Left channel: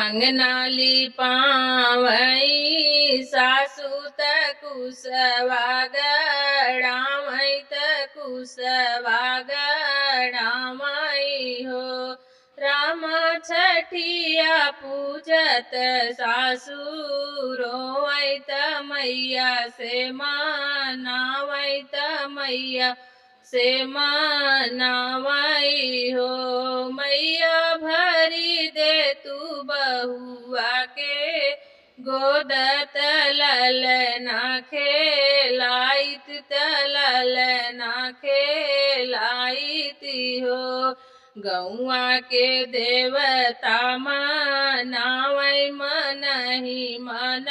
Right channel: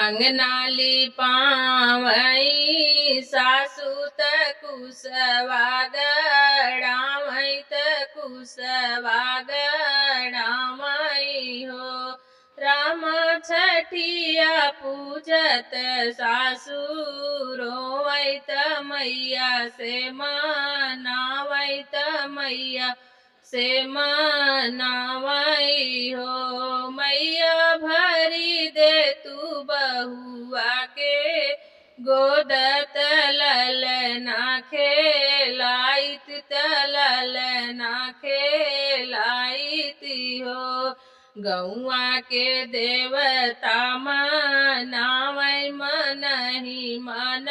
अंगनाली पावई सासू त कुसवा गड़ावई त कुसवा गड़ावई हो। राम छठिया पूजत सासू रोवई त मैया से मनावई त मैया से मनावई हो। मैया भरी दे तू बहुआ के गोद ललना खेलाइत ललना खेलाइत हो। गौआ के देवता मनावई मनहि मन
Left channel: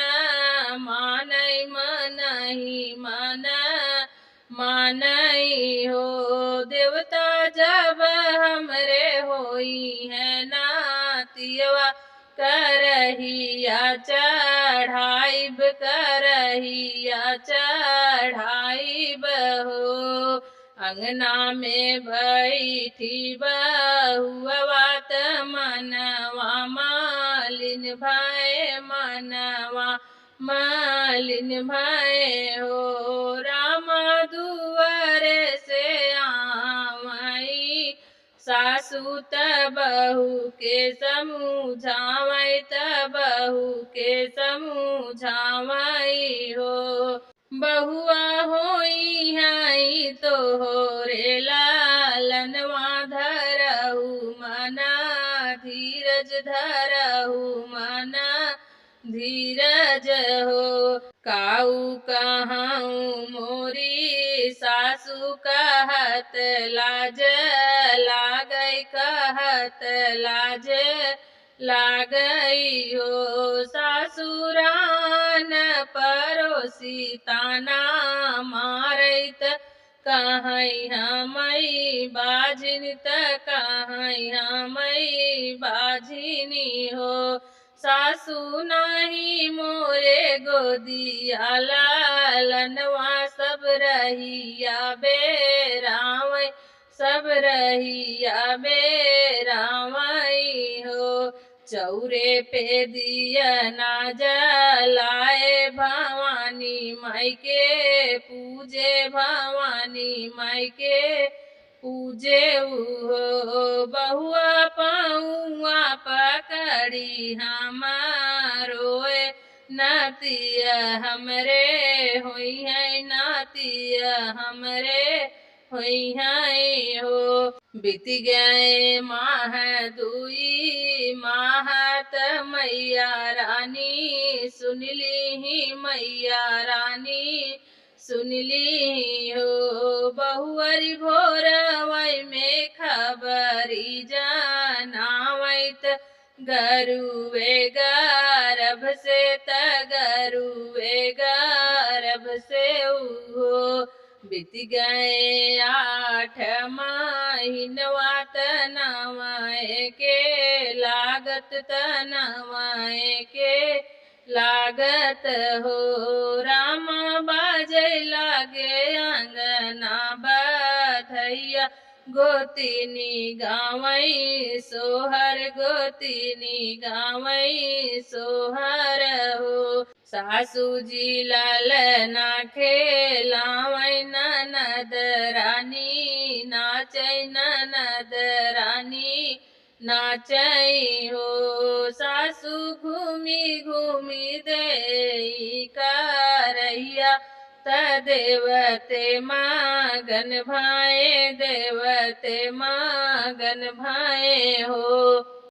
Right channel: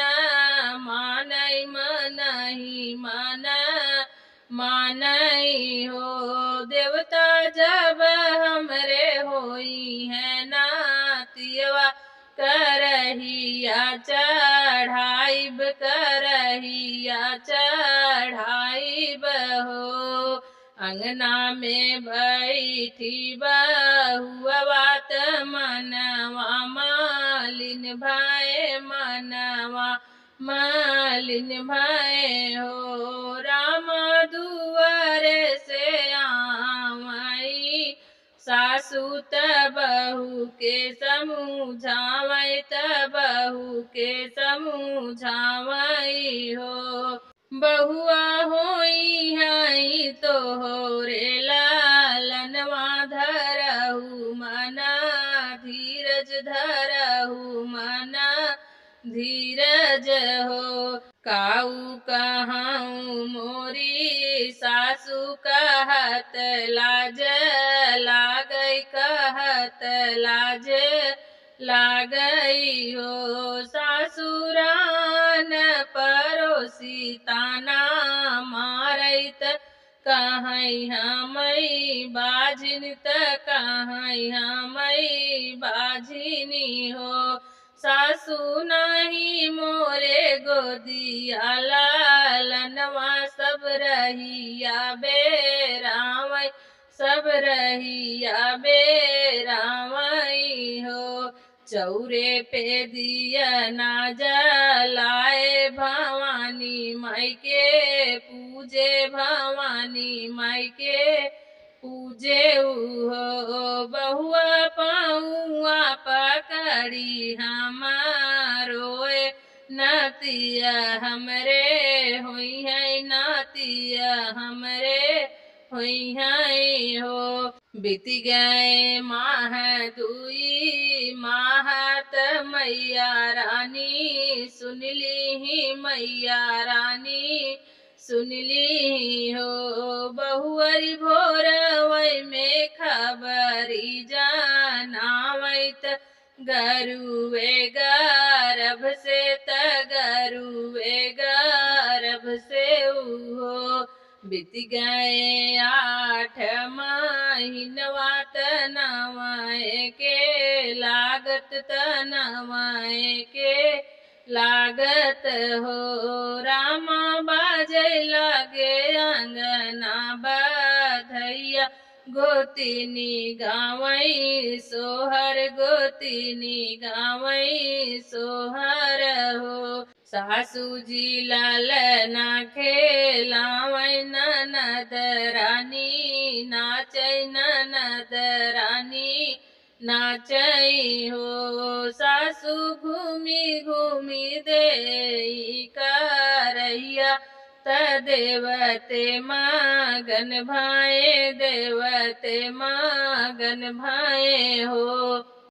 मानई मनहि मन मानई हो। देवता जब हमरे होई है नातियवा करहिया चढ़ाइब करहिया चढ़ाइब हो। अंगना में बैठी बहुआ त मनवा मालिन भय मनवा मालिन भय हो। राम दुआरे से आवई सासू त बहू के समझावई त बहू के समझावई हो। बहुआ होई हई तोहरे लालनवा धरहु मना धीरज धरहु मना धीरज हो। काऊ कहाऊँ मोरी सासू कहत लाज लागई कहत लाज लागई हो। सासुरान परोसी ताना मारैत कहई हमई बाझिन त कहई हमई बाझिनी हो। सासू नहीं मोरे गोदिया लालनवा सब रहिया बेरावई सब रहिया बेरावई हो। चौरे पे दिया ना जलाए भवानी माई के पूजे भवानी माई के पूजे हो। बहुआ पौआ पकड़ी हमारोए नातिया हमरे होई है नातिया हमरे होई है हो। बीत गए माह दुई माह त मैया रानी सुनली ही मैया रानी सुनली हो। बहुअरी भोरवई में खबरी जनावई त गरुए गर्भ से त गरुए गर्भ से हो। बीत गए 8 महीनवा त नवाए के लागत त नवाए के लागत हो। राम बाजै लागे अंगना बधैया गोतिनी गावई सोहर गोतिनी गावई सोहर हो। सासू जी ललना खेलावई ननद रानी नाचै ननद रानी नाचई हो। सासू घूमी घूमी देई करहिया त देवते मगन भाए देवते मगन भाए हो।